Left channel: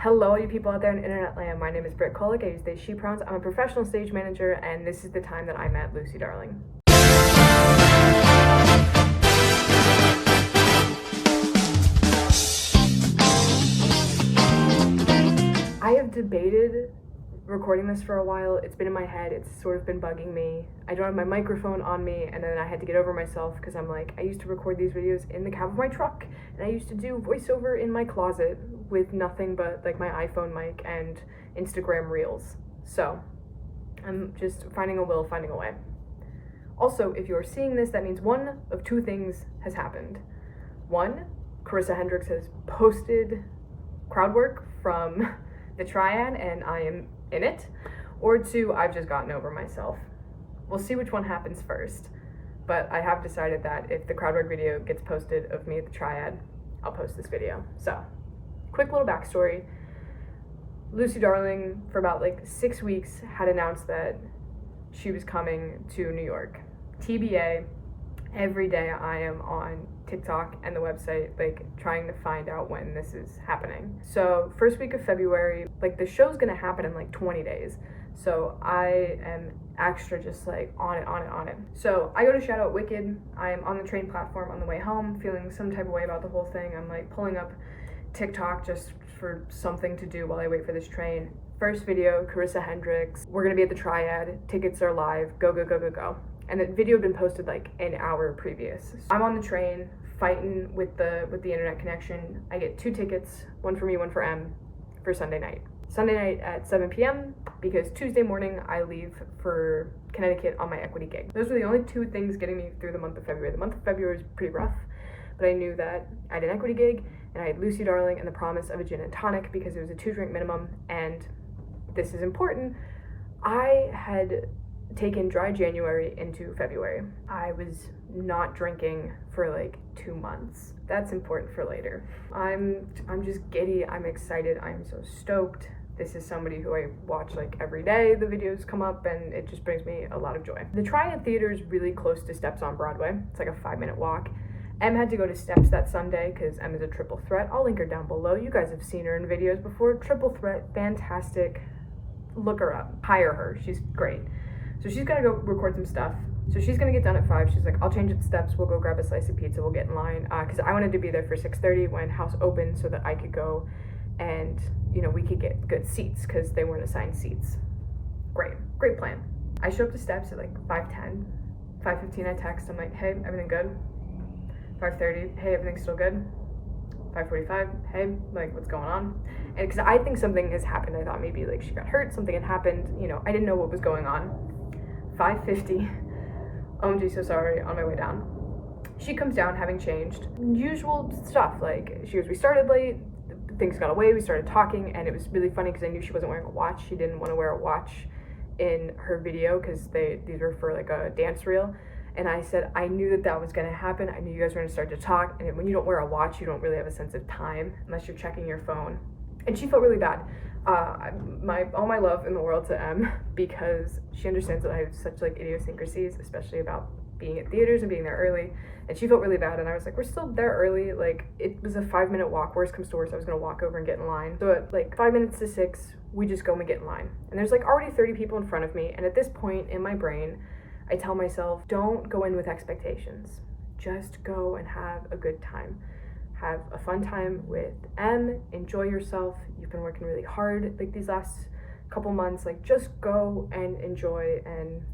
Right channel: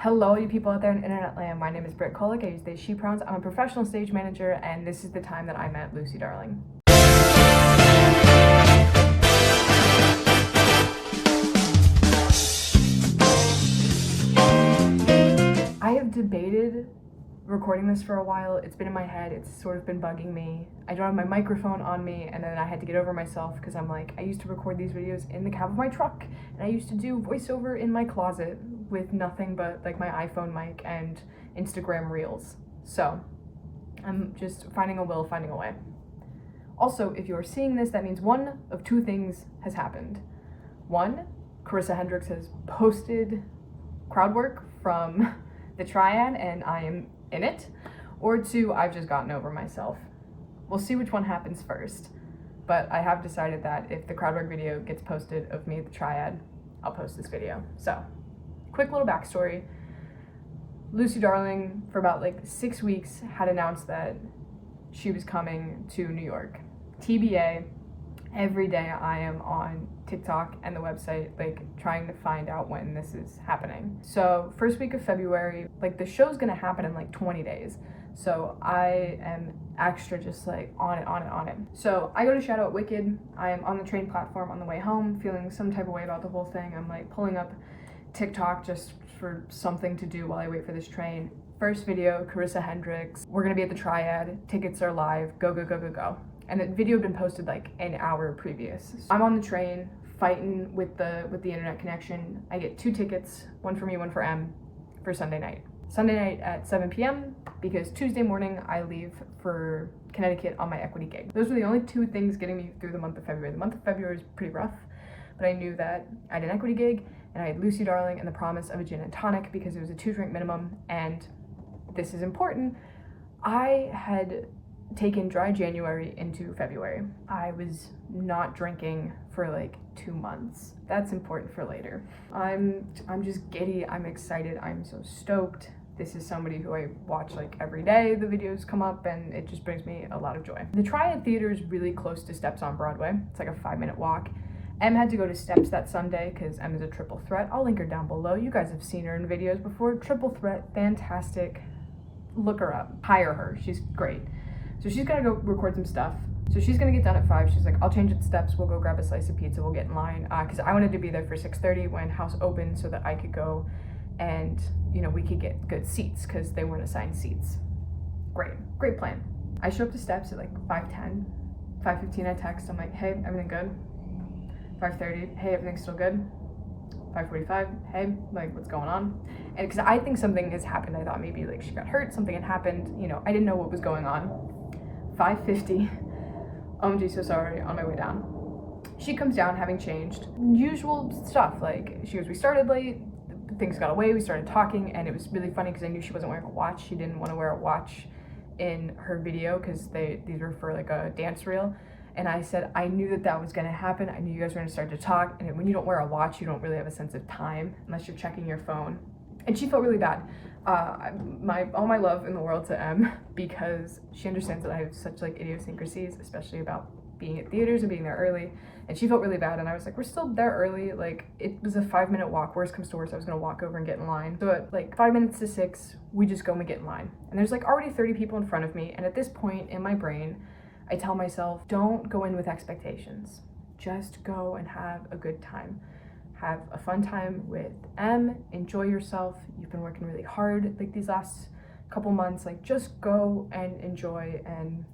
Hello, you people out there in internet land. My name is Britt Kolick. I use they, she pronouns. I'm a professional stage manager, and this is the time that I met Lucy Darling. I have debated recording this for a while. It's been in my head. It's sort of been bugging me. I don't have my microphone on me, and then I had to get over myself because I'm like, I used to record these videos in the cab of my truck, and I used to do voiceover in my closet with nothing but like my iPhone mic and Instagram Reels. So I'm just finding a way. Also, if you're seeing this, that means one of two things has happened. One, Carissa Hendricks has posted crowd work from the triad and I am in it. Or two, I've just gotten over myself. We'll see which one happens first. But I have decided that if the crowd work video gets posted of me at the triad, I'll post this video. So, quick little backstory. Lucy Darling, for about like 6 weeks, had announced that she was coming to New York. TBA, every day I am on TikTok and the website, like trying to find out when this is happening. So first week of February, like the show's gonna happen in like 20 days. So I am extra just like on it. So I go to shout out Wicked. I am on the train platform on the way home, feeling some type of way about the whole thing. I'm like pulling up TikTok just for something to do while I wait for this train. First video, Carissa Hendricks. We're gonna be at the triad. Tickets are live. Go. And the video had been posted like an hour previous. I'm on the train fighting with the internet connection. I get 2 tickets, one for me, one for M, for Sunday night. Sunday night at 7 p.m. because Tuesday morning I leave for Connecticut on my equity gig. Those were the only 2 things getting me through the month of February. The month of February was pretty rough, but I knew that I had an equity gig and I had Lucy Darling and the promise of a gin and tonic because it was a 2-drink minimum. And this is important. I had taken dry January into February. I was not drinking for like 2 months. That's important for later. I'm just giddy. I'm excited. I'm so stoked. This is somebody who I watch like every day. The videos come up and it just brings me a lot of joy. The Triad Theater is really close to Steps on Broadway. It's like a 5-minute walk. Em had to go to Steps that Sunday because Em is a triple threat. I'll link her down below. You guys have seen her in videos before. Triple threat, fantastic. Look her up. Hire her. She's great. So she's gonna go record some stuff. So she's gonna get done at 5. She's like, I'll change at Steps. We'll go grab a slice of pizza. We'll get in line. Because I wanted to be there for 6:30 when house opened so that I could go and, you know, we could get good seats because they weren't assigned seats. Great plan. I show up to Steps at like 5:10. 5:15 I text. I'm like, hey, everything good? 5:30, hey, everything's still good? 5:45, hey, like, what's going on? And because I think something has happened. I thought maybe like she got hurt, something had happened. You know, I didn't know what was going on. 5:50, OMG, so sorry, on my way down. She comes down having changed. Usual stuff, like she goes, we started late, things got away, we started talking, and it was really funny because I knew she wasn't wearing a watch. She didn't want to wear a watch in her video because these were for like a dance reel. And I said, I knew that was gonna happen. I knew you guys were gonna start to talk. And when you don't wear a watch, you don't really have a sense of time unless you're checking your phone. And she felt really bad. All my love in the world to Em because she understands that I have such like idiosyncrasies, especially about being at theaters and being there early. And she felt really bad. And I was like, we're still there early. Like it was a 5-minute walk. Worst comes to worst, I was gonna walk over and get in line. So at like 5 minutes to 6, we just go and we get in line. And there's like already 30 people in front of me. And at this point in my brain, I tell myself, don't go in with expectations. Just go and have a good time. Have a fun time with Em. Enjoy yourself. You've been working really hard like these last couple months. Like just go and enjoy and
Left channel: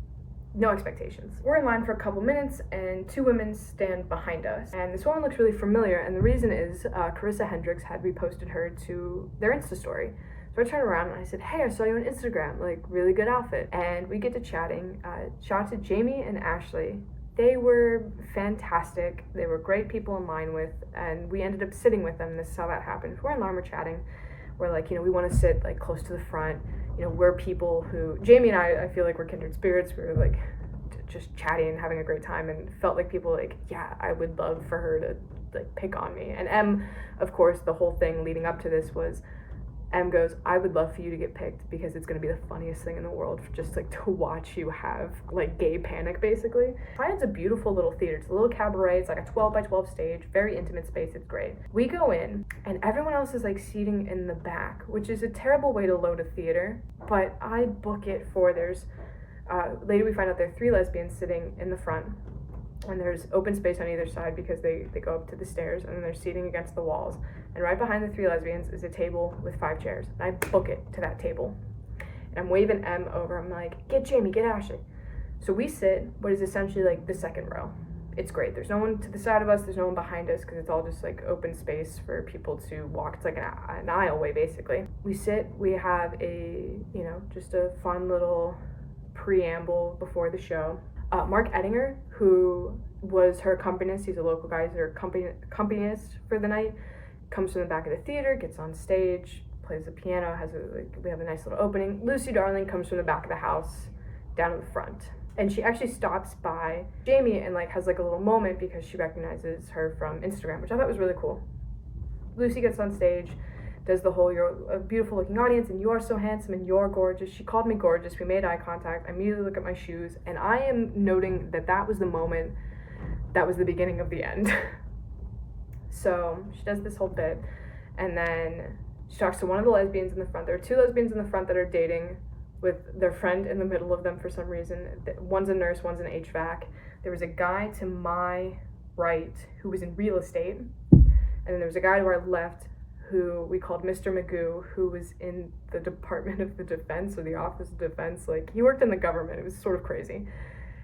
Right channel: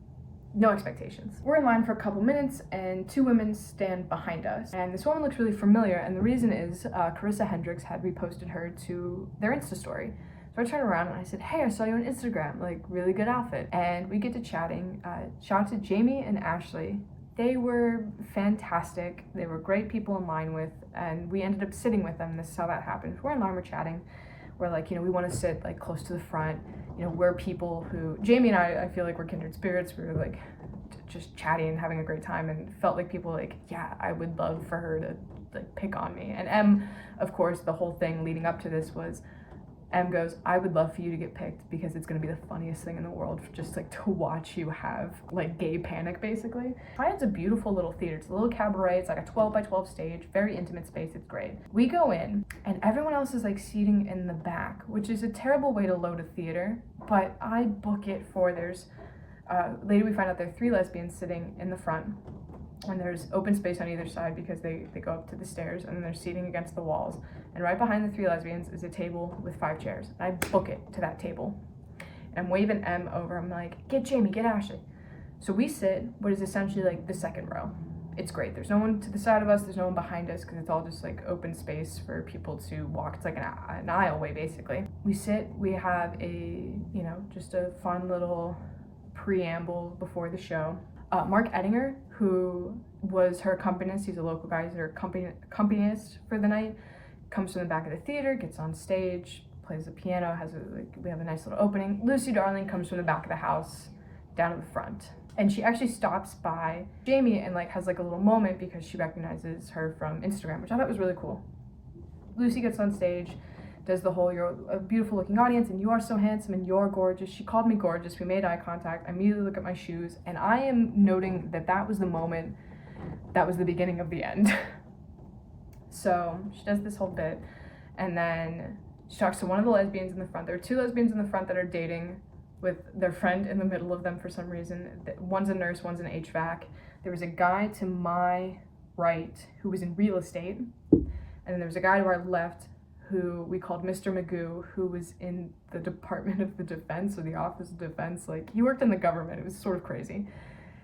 no expectations. We're in line for a couple minutes and 2 women stand behind us. And this woman looks really familiar. And the reason is Carissa Hendricks had reposted her to their Insta story. So I turned around and I said, hey, I saw you on Instagram, like really good outfit. And we get to chatting. Shout out to Jamie and Ashley. They were fantastic. They were great people in line with, and we ended up sitting with them. This is how that happened. We're in line, we're chatting. We're like, you know, we want to sit like close to the front. You know, we're people who, Jamie and I feel like we're kindred spirits. We were like just chatting and having a great time and felt like people like, yeah, I would love for her to like pick on me. And Em, of course, the whole thing leading up to this was, Em goes, I would love for you to get picked because it's gonna be the funniest thing in the world, just like to watch you have like gay panic basically. Triad's a beautiful little theater. It's a little cabaret. It's like a 12 by 12 stage, very intimate space. It's great. We go in and everyone else is like seating in the back, which is a terrible way to load a theater, but I book it for later we find out there are 3 lesbians sitting in the front, and there's open space on either side because they go up to the stairs, and then they're seating against the walls. And right behind the 3 lesbians is a table with 5 chairs. And I book it to that table. And I'm waving Em over. I'm like, get Jamie, get Ashley. So we sit what is essentially like the second row. It's great. There's no one to the side of us. There's no one behind us because it's all just like open space for people to walk. It's like an aisleway basically. We sit. We have just a fun little preamble before the show. Mark Ettinger, who was her accompanist, he's a local guy, he's her accompanist for the night, comes from the back of the theater, gets on stage, plays the piano, we have a nice little opening. Lucy Darling comes from the back of the house, down to the front. And she actually stops by Jamie and like has like a little moment because she recognizes her from Instagram, which I thought was really cool. Lucy gets on stage, does the whole, you're a beautiful looking audience and you are so handsome and you're gorgeous. She called me gorgeous. We made eye contact. I immediately look at my shoes and I am noting that was the moment, that was the beginning of the end. So she does this whole bit and then she talks to one of the lesbians in the front. There are 2 lesbians in the front that are dating with their friend in the middle of them for some reason. One's a nurse, one's an HVAC. There was a guy to my right who was in real estate. And then there was a guy to our left who we called Mr. Magoo, who was in the Department of the Defense or the Office of Defense. Like, he worked in the government. It was sort of crazy.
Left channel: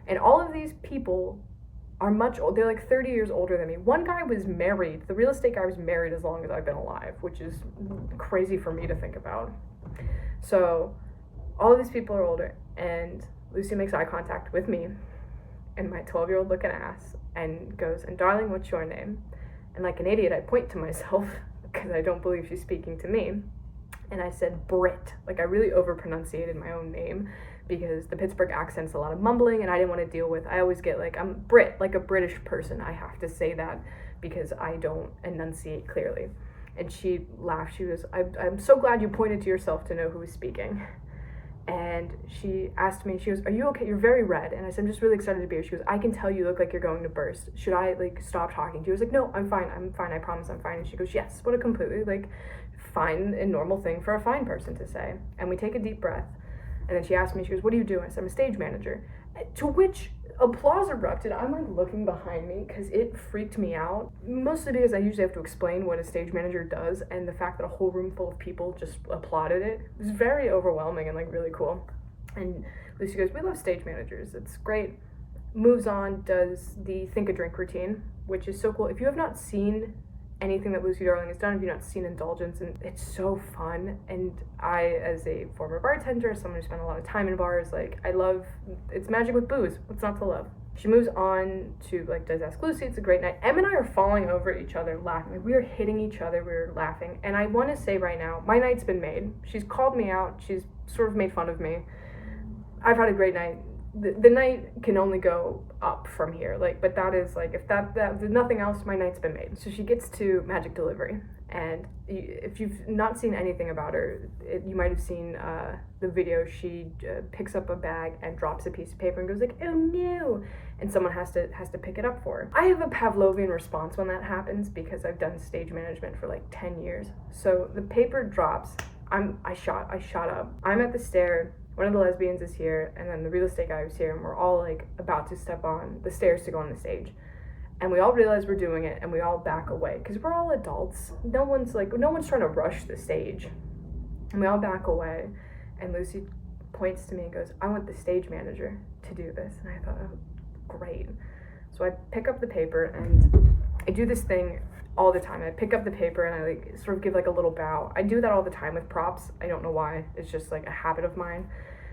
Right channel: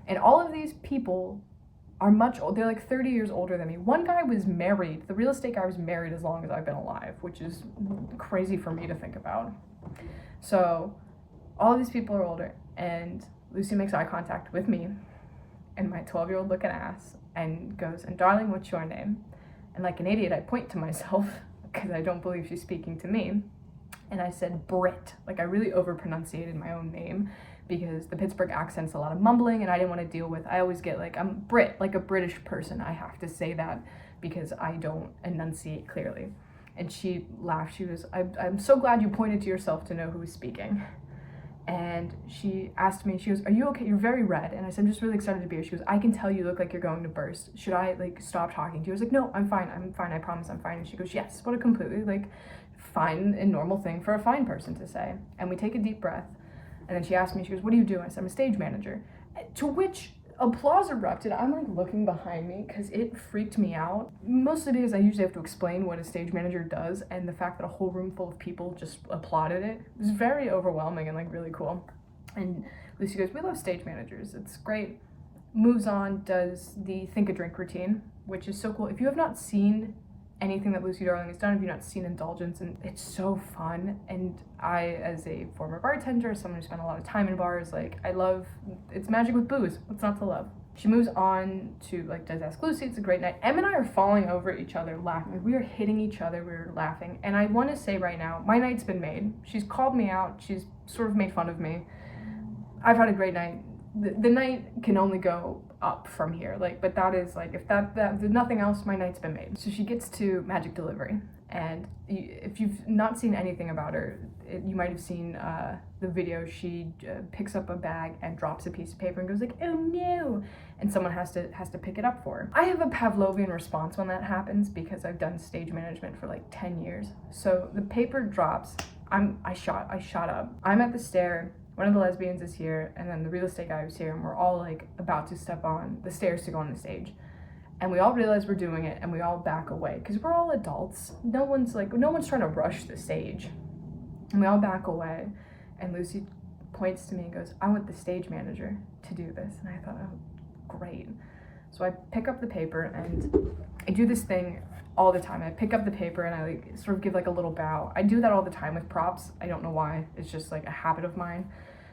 And all of these people are much old. They're like 30 years older than me. One guy was married. The real estate guy was married as long as I've been alive, which is crazy for me to think about. So all of these people are older, and Lucy makes eye contact with me and my 12-year-old looking ass and goes, and darling, what's your name? And like an idiot, I point to myself because I don't believe she's speaking to me. And I said Brit. Like, I really over-pronunciated my own name because the Pittsburgh accent's a lot of mumbling and I didn't want to deal with, I always get like, I'm Brit, like a British person. I have to say that because I don't enunciate clearly. And she laughed. She was, I'm so glad you pointed to yourself to know who was speaking. And she asked me, she goes, are you okay? You're very red. And I said, I'm just really excited to be here. She goes, I can tell you look like you're going to burst. Should I like stop talking to you? I was like, no, I'm fine. I promise I'm fine. And she goes, yes. What a completely like fine and normal thing for a fine person to say. And we take a deep breath. And then she asked me, she goes, what do you do? I said, I'm a stage manager. To which applause erupted. I'm like looking behind me because it freaked me out. Mostly because I usually have to explain what a stage manager does, and the fact that a whole room full of people just applauded it was very overwhelming and like really cool. And Lucy goes, we love stage managers. It's great. Moves on, does the Think a Drink routine, which is so cool. If you have not seen anything that Lucy Darling has done, if you've not seen Indulgence, and it's so fun. And I, as a former bartender, someone who spent a lot of time in bars, like, I love, it's magic with booze. What's not to love? She moves on to, like, does Ask Lucy. It's a great night. Em and I are falling over each other laughing. Like, we are hitting each other. We were laughing. And I want to say right now, my night's been made. She's called me out. She's sort of made fun of me. I've had a great night. The night can only go up from here, like, but that is like, if that there's nothing else, my night's been made. So she gets to Magic Delivery, and if you've not seen anything about her, you might have seen the video. She picks up a bag and drops a piece of paper and goes like, oh no, and someone has to pick it up for her. I have a Pavlovian response when that happens because I've done stage management for like 10 years. So the paper drops, I shot up. I'm at the stair. One of the lesbians is here, and then the real estate guy was here, and we're all like about to step on the stairs to go on the stage. And we all realize we're doing it, and we all back away because we're all adults. No one's trying to rush the stage. And we all back away, and Lucy points to me and goes, I want the stage manager to do this. And I thought, oh, great. So I pick up the paper, and I do this thing all the time. I pick up the paper and I like sort of give like a little bow. I do that all the time with props. I don't know why. It's just like a habit of mine.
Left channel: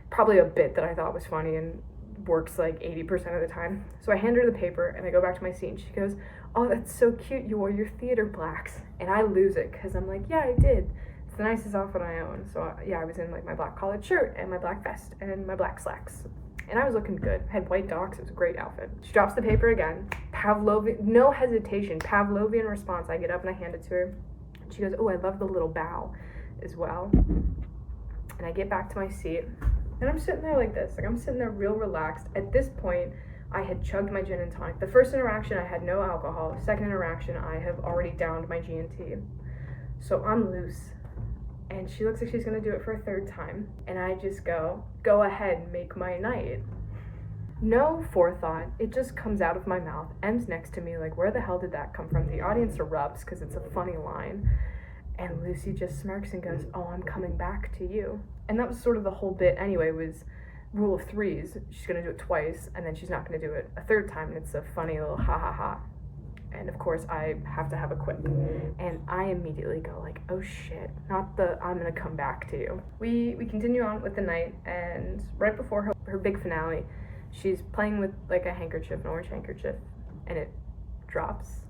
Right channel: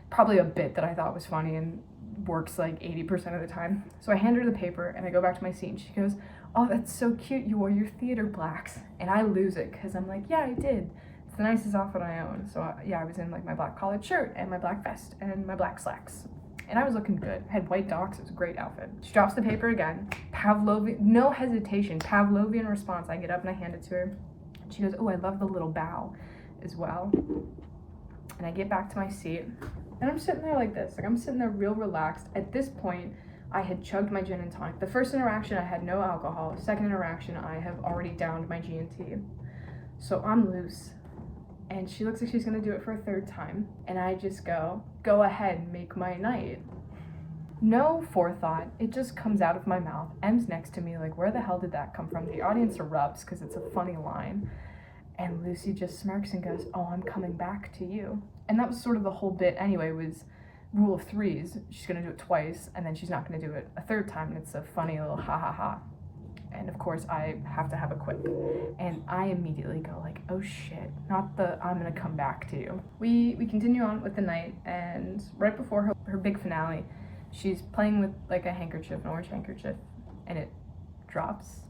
Probably a bit that I thought was funny and works like 80% of the time. So I hand her the paper and I go back to my seat, and she goes, oh, that's so cute. You wore your theater blacks. And I lose it because I'm like, yeah, I did. It's the nicest outfit I own. So yeah, I was in like my black collared shirt and my black vest and my black slacks. And I was looking good. I had white docs. It was a great outfit. She drops the paper again. Pavlovian, no hesitation. Pavlovian response. I get up and I hand it to her. She goes, oh, I love the little bow. as well. And I get back to my seat, and I'm sitting there like this. Like, I'm sitting there real relaxed. At this point, I had chugged my gin and tonic. The first interaction, I had no alcohol. Second interaction, I have already downed my G&T. So I'm loose. And she looks like she's gonna do it for a third time. And I just go ahead, make my night. No forethought, it just comes out of my mouth. Em's next to me, like, where the hell did that come from? The audience erupts because it's a funny line. And Lucy just smirks and goes, oh, I'm coming back to you. And that was sort of the whole bit anyway, was rule of threes. She's gonna do it twice, and then she's not gonna do it a third time, and it's a funny little ha ha ha. And of course, I have to have a quip. And I immediately go like, oh shit, not the I'm gonna come back to you. We continue on with the night, and right before her big finale, she's playing with like a handkerchief, an orange handkerchief, and it drops.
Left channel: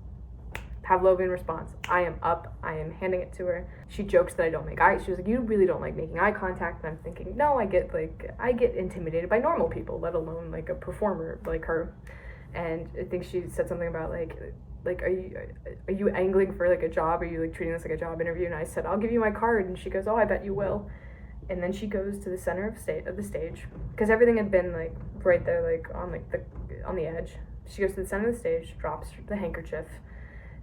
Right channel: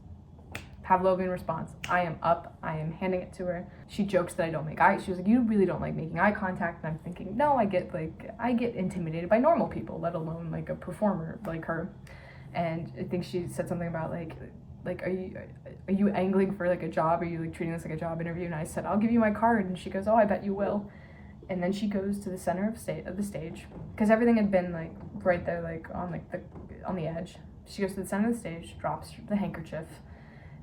Pavlovian response. I am up. I am handing it to her. She jokes that I don't make eye. She was like, you really don't like making eye contact. And I'm thinking, no, I get intimidated by normal people, let alone like a performer like her. And I think she said something about like are you angling for like a job? Are you like treating this like a job interview? And I said, I'll give you my card. And she goes, oh, I bet you will. And then she goes to the center of the stage, because everything had been like right there, like on the edge. She goes to the center of the stage, drops the handkerchief,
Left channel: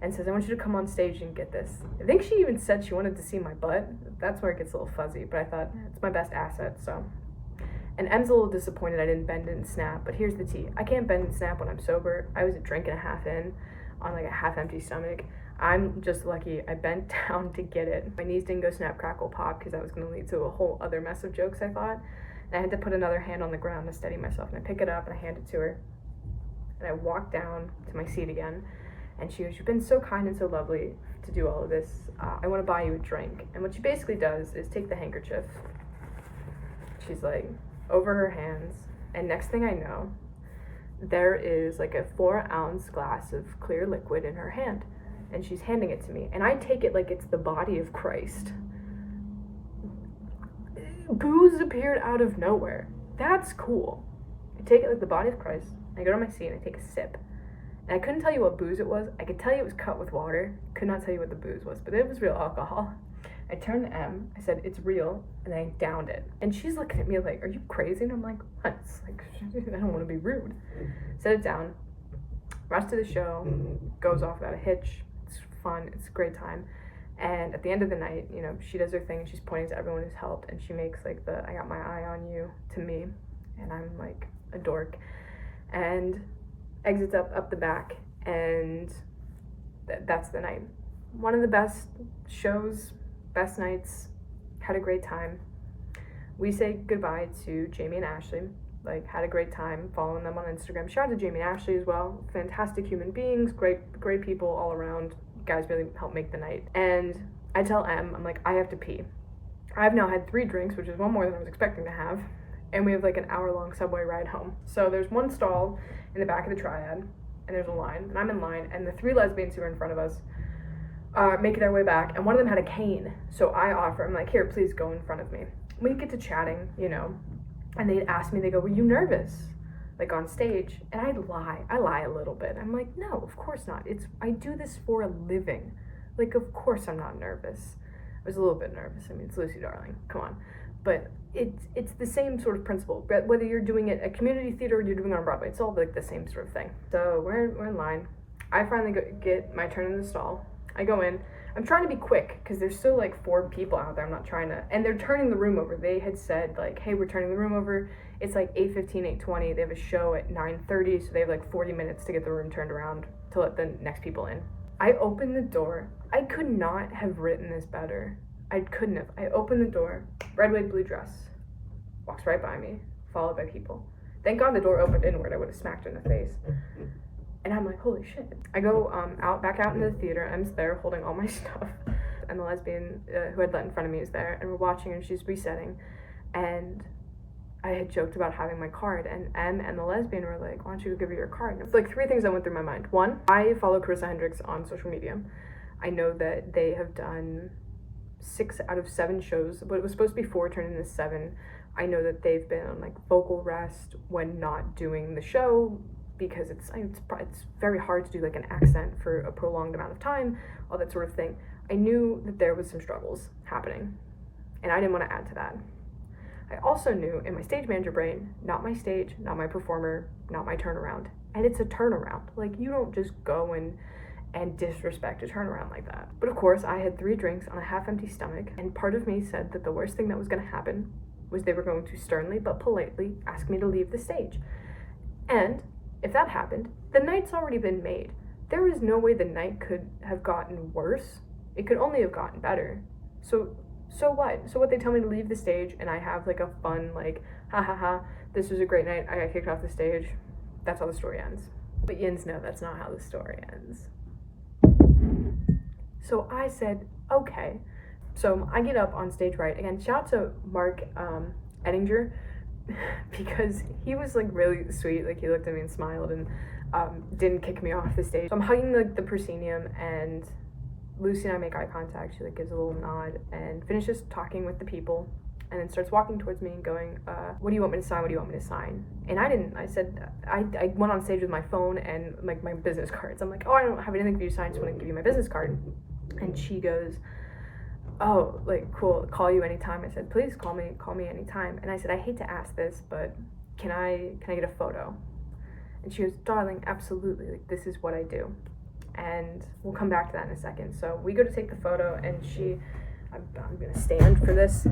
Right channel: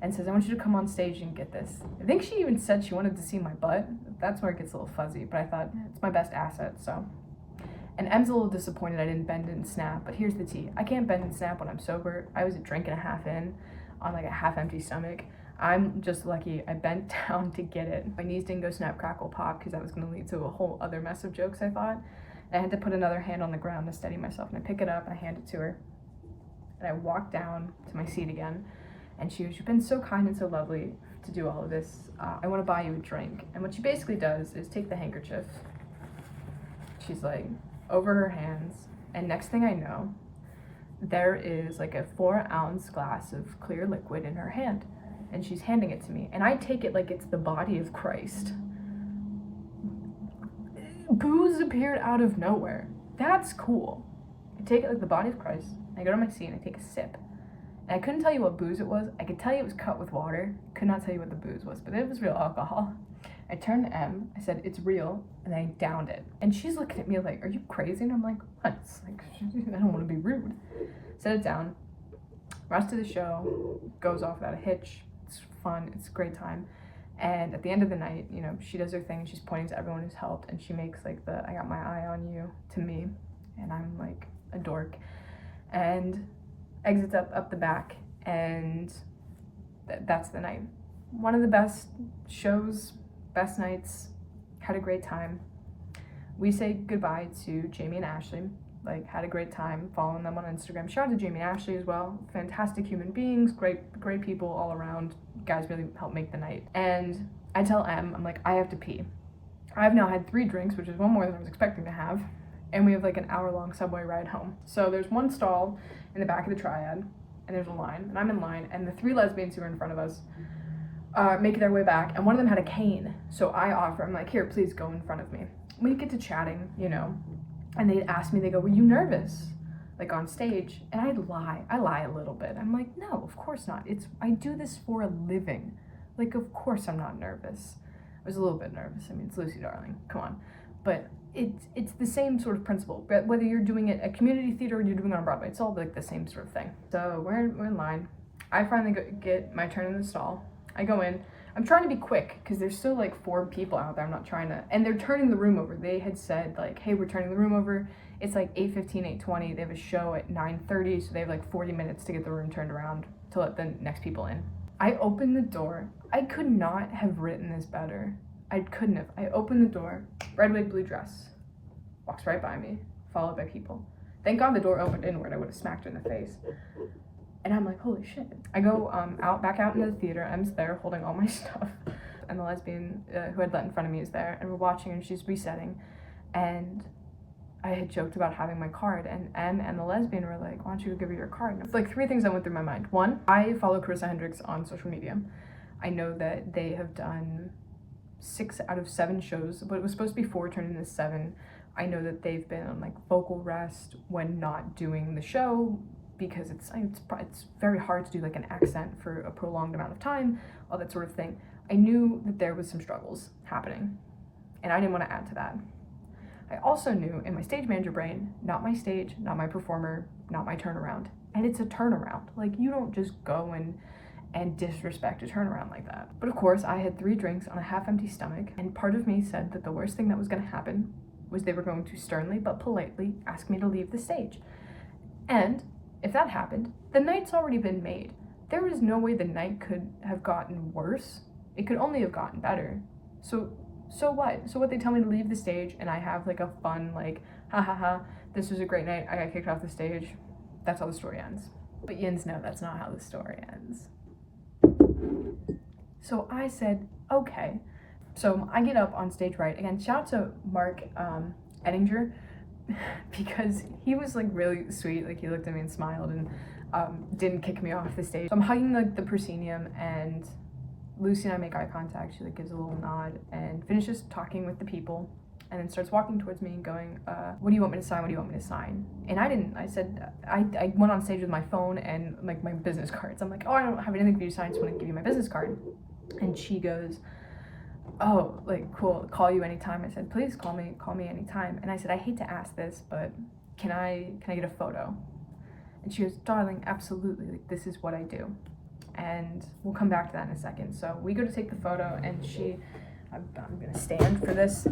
and says, I want you to come on stage and get this. I think she even said she wanted to see my butt. That's where it gets a little fuzzy, but I thought, it's my best asset, so. And Em's a little disappointed I didn't bend and snap, but here's the tea. I can't bend and snap when I'm sober. I was a drink and a half in on like a half empty stomach. I'm just lucky I bent down to get it. My knees didn't go snap, crackle, pop, because that was gonna lead to a whole other mess of jokes, I thought. And I had to put another hand on the ground to steady myself, and I pick it up and I hand it to her. And I walk down to my seat again. And she goes, you've been so kind and so lovely to do all of this. I want to buy you a drink. And what she basically does is take the handkerchief. She's like, over her hands. And next thing I know, there is like a 4-ounce glass of clear liquid in her hand. And she's handing it to me. And I take it like it's the body of Christ. Booze appeared out of nowhere. That's cool. I take it like the body of Christ. I go to my seat and I take a sip. And I couldn't tell you what booze it was. I could tell you it was cut with water. Could not tell you what the booze was, but it was real alcohol. I turned to Em. I said, it's real. And I downed it. And she's looking at me like, are you crazy? And I'm like, what? It's like, I don't want to be rude. Set it down. Rest of the show goes off without a hitch. It's fun. It's a great time. And at the end of the night, you know, she does her thing and she's pointing to everyone who's helped. And she makes like the I got my eye on you to me. And I'm like a dork. And exits up the back, and that's the night. One of the best shows, best nights, had a great time. We say goodbye to Jamie and Ashley, like had a great time following them on Instagram. Shout out to Jamie and Ashley as well. Fantastic human beings, great people all around. Guys really helped make the night. And I tell Em, I'm like, I have to pee. I've now had 3 drinks, which is one more than I was expecting to have. And we have like an hour-long subway ride home. So there's one stall in the back of the Triad, and there's a line, and I'm in line, and the 3 lesbians who are in front of us are making their way back, and one of them had a cane. So I offer, I'm like, here, please go in front of me. We get to chatting, you know, and they asked me, they go, were you nervous? Like on stage? And I lie a little bit. I'm like, no, of course not. I do this for a living. Like, of course I'm not nervous. I was a little bit nervous. I mean, it's Lucy Darling, come on. But it's the same sort of principle, but whether you're doing it at community theater or you're doing it on Broadway, it's all like the same sort of thing. So we're in line. I finally get my turn in the stall. I go in. I'm trying to be quick because there's still like 4 people out there. I'm not trying to, and they're turning the room over. They had said like, hey, we're turning the room over. It's like 8:15, 8:20. They have a show at 9:30, so they have like 40 minutes to get the room turned around to let the next people in. I open the door. I could not have written this better. I couldn't have. I opened the door, red, white, blue dress, walks right by me, followed by people. Thank God the door opened inward. I would have smacked her in the face. And I'm like, holy shit. I go back out into the theater. Em's there holding all my stuff. And the lesbian who had let in front of me is there. And we're watching and she's resetting. And I had joked about having my card. And Em and the lesbian were like, why don't you go give her your card? And it's like 3 things that went through my mind. 1, I follow Carissa Hendricks on social media. I know that they have done 6 out of 7 shows, but it was supposed to be 4, turned into 7. I know that they've been on like vocal rest when not doing the show because it's very hard to do like an accent for a prolonged amount of time, all that sort of thing. I knew that there was some struggles happening. and I didn't want to add to that. I also knew in my stage manager brain, not my stage, not my performer, not my turnaround. And it's a turnaround. Like, you don't just go and disrespect a turnaround like that. But of course, I had 3 drinks on a half-empty stomach, and part of me said that the worst thing that was going to happen was they were going to sternly but politely ask me to leave the stage. And if that happened, the night's already been made. There is no way the night could have gotten worse. It could only have gotten better. So what? So what, they tell me to leave the stage, and I have like a fun, like, ha ha ha, this was a great night, I got kicked off the stage. That's how the story ends. But yins know that's not how the story ends. So I said, okay. So I get up on stage right. Again, shout out to Mark Ettinger, because he was like really sweet. Like, he looked at me and smiled and didn't kick me off the stage. So I'm hugging like the proscenium, and Lucy and I make eye contact. She like gives a little nod and finishes talking with the people, and then starts walking towards me and going, what do you want me to sign? What do you want me to sign? And I said, I went on stage with my phone and like my business cards. I'm like, oh, I don't have anything for you to sign, I just want to give you my business card. And she goes, oh, like, cool, call you anytime. I said, please call me anytime. And I said, I hate to ask this, but can I get a photo? And she goes, darling, absolutely, like, this is what I do. And we'll come back to that in a second. So we go to take the photo, and I'm gonna stand for this.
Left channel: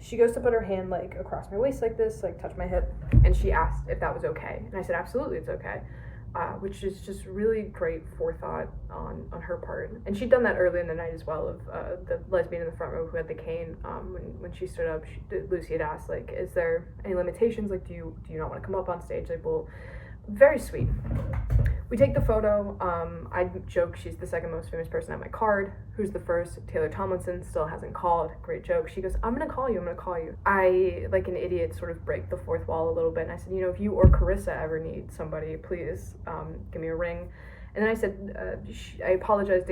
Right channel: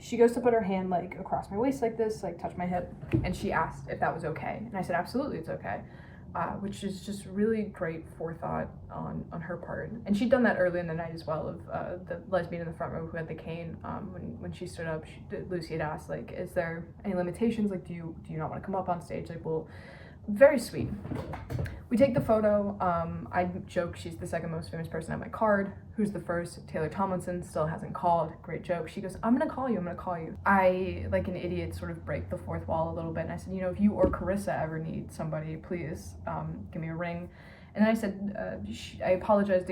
She goes to put her hand like across my waist like this, like touch my hip, and she asked if that was okay. And I said, absolutely, it's okay. Which is just really great forethought on her part. And she'd done that early in the night as well, of the lesbian in the front row who had the cane. When she stood up, Lucy had asked, like, is there any limitations? Like, do you not want to come up on stage? Like, well, very sweet. We take the photo. I joke she's the second most famous person on my card. Who's the first? Taylor Tomlinson still hasn't called. Great joke. She goes, I'm gonna call you. I, like an idiot, sort of break the fourth wall a little bit, and I said, you know, if you or Carissa ever need somebody, please give me a ring. And then I said, I apologized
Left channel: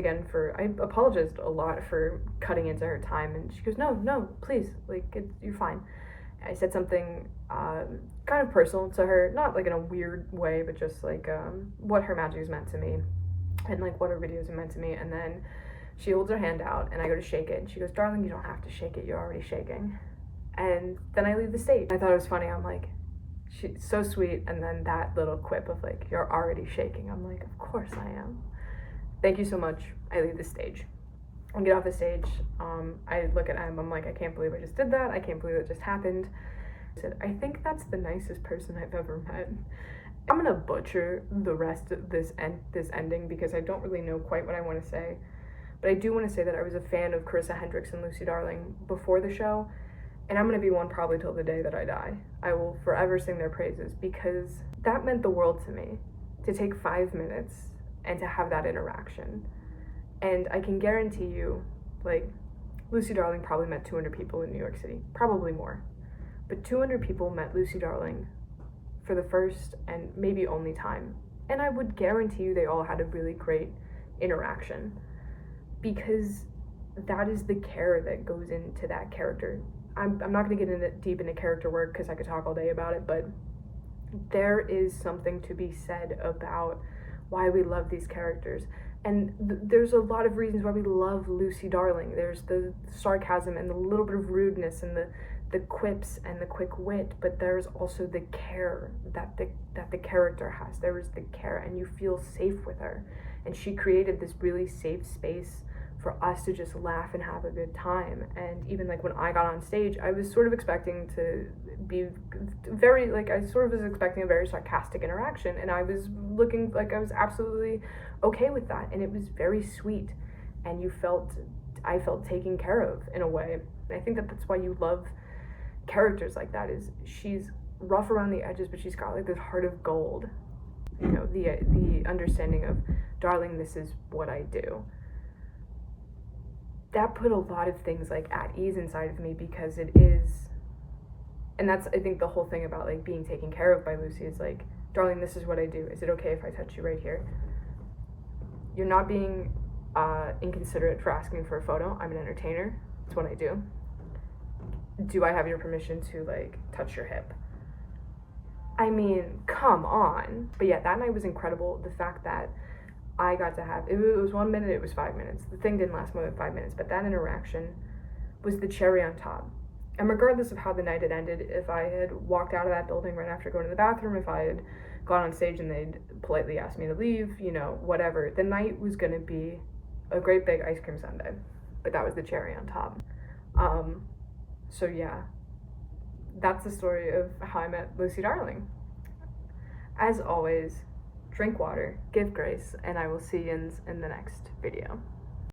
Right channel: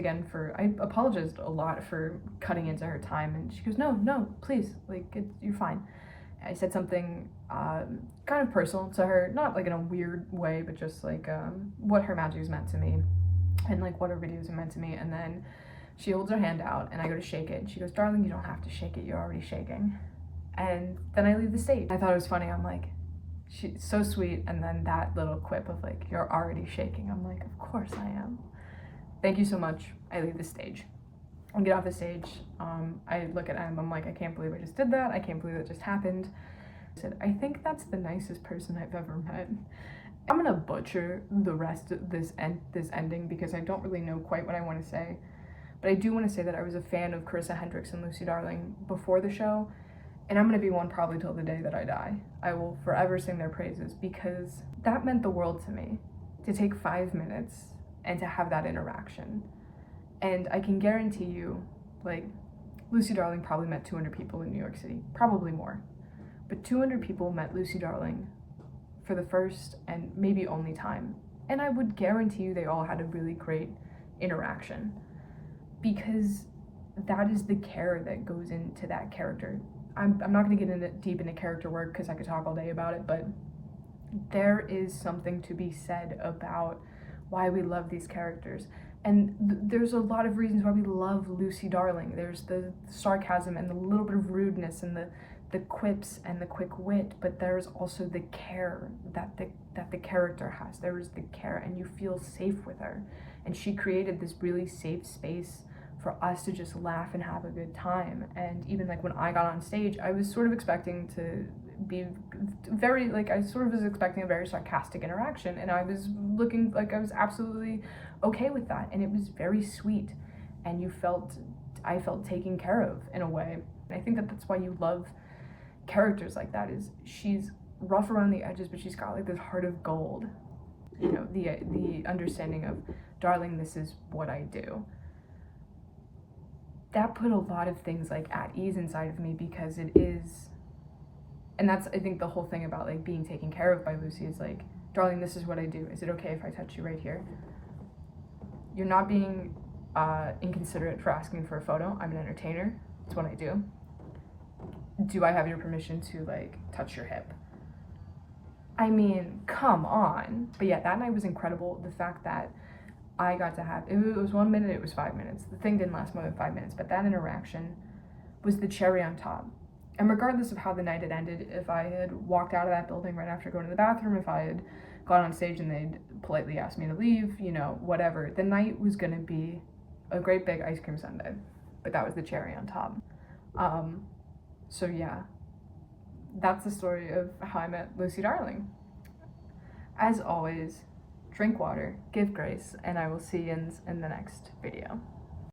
a lot for cutting into her time, and she goes, no, please, like, you're fine. I said something kind of personal to her, not like in a weird way, but just like what her magic has meant to me, and like what her videos have meant to me. And then she holds her hand out, and I go to shake it, and she goes, darling, you don't have to shake it, you're already shaking. And then I leave the stage. I thought it was funny. I'm like, she's so sweet. And then that little quip of like, you're already shaking. I'm like, of course I am. Thank you so much. I leave the stage. I get off the stage. I look at Em. I'm like, I can't believe I just did that. I can't believe it just happened. I said, I think that's the nicest person I've ever met. I'm gonna butcher the rest of this ending because I don't really know quite what I want to say. But I do want to say that I was a fan of Carissa Hendricks and Lucy Darling before the show, and I'm gonna be one probably till the day that I die. I will forever sing their praises because that meant the world to me, to take 5 minutes and to have that interaction. And I can guarantee you, like, Lucy Darling probably met 200 people in New York City, probably more. But 200 people met Lucy Darling for the first and maybe only time. And I would guarantee you they all had a really great interaction, because that is the care that goes into that character. I'm not going to get deep into character work because I could talk all day about it, but there is something to be said about why we love these characters. And there's a lot of reasons why we love Lucy Darling. There's the sarcasm and the little bit of rudeness and the quips and the quick wit, but there's also the care that the character has. There is the care, and you feel safe with her. And she created this really safe space for us to just laugh and have a good time. And even like when I got on stage, I was sort of expecting to be very, like, I sort of was expecting a very sarcastic interaction, and I was looking like I was absolutely okay with that, and it was very sweet, and I felt taken care of in a way. And I think that that's why you love characters like that, is she's rough around the edges, but she's got like this heart of gold, you know, the understanding of, darling, this is what I do. That put a lot of things like at ease inside of me, because it is, and that's, I think, the whole thing about like being taken care of by Lucy is like, darling, this is what I do. Is it okay if I touch you right here? You're not being inconsiderate for asking for a photo. I'm an entertainer. It's what I do. Do I have your permission to like touch your hip? I mean, come on. But yeah, that night was incredible. The fact that I got to have, it was 1 minute, it was 5 minutes. The thing didn't last more than 5 minutes, but that interaction was the cherry on top. And regardless of how the night had ended, if I had walked out of that building right after going to the bathroom, if I had gone on stage and they'd politely asked me to leave, you know, whatever, the night was gonna be a great big ice cream sundae. But that was the cherry on top. So yeah, that's the story of how I met Lucy Darling. As always, drink water, give grace, and I will see you in the next video.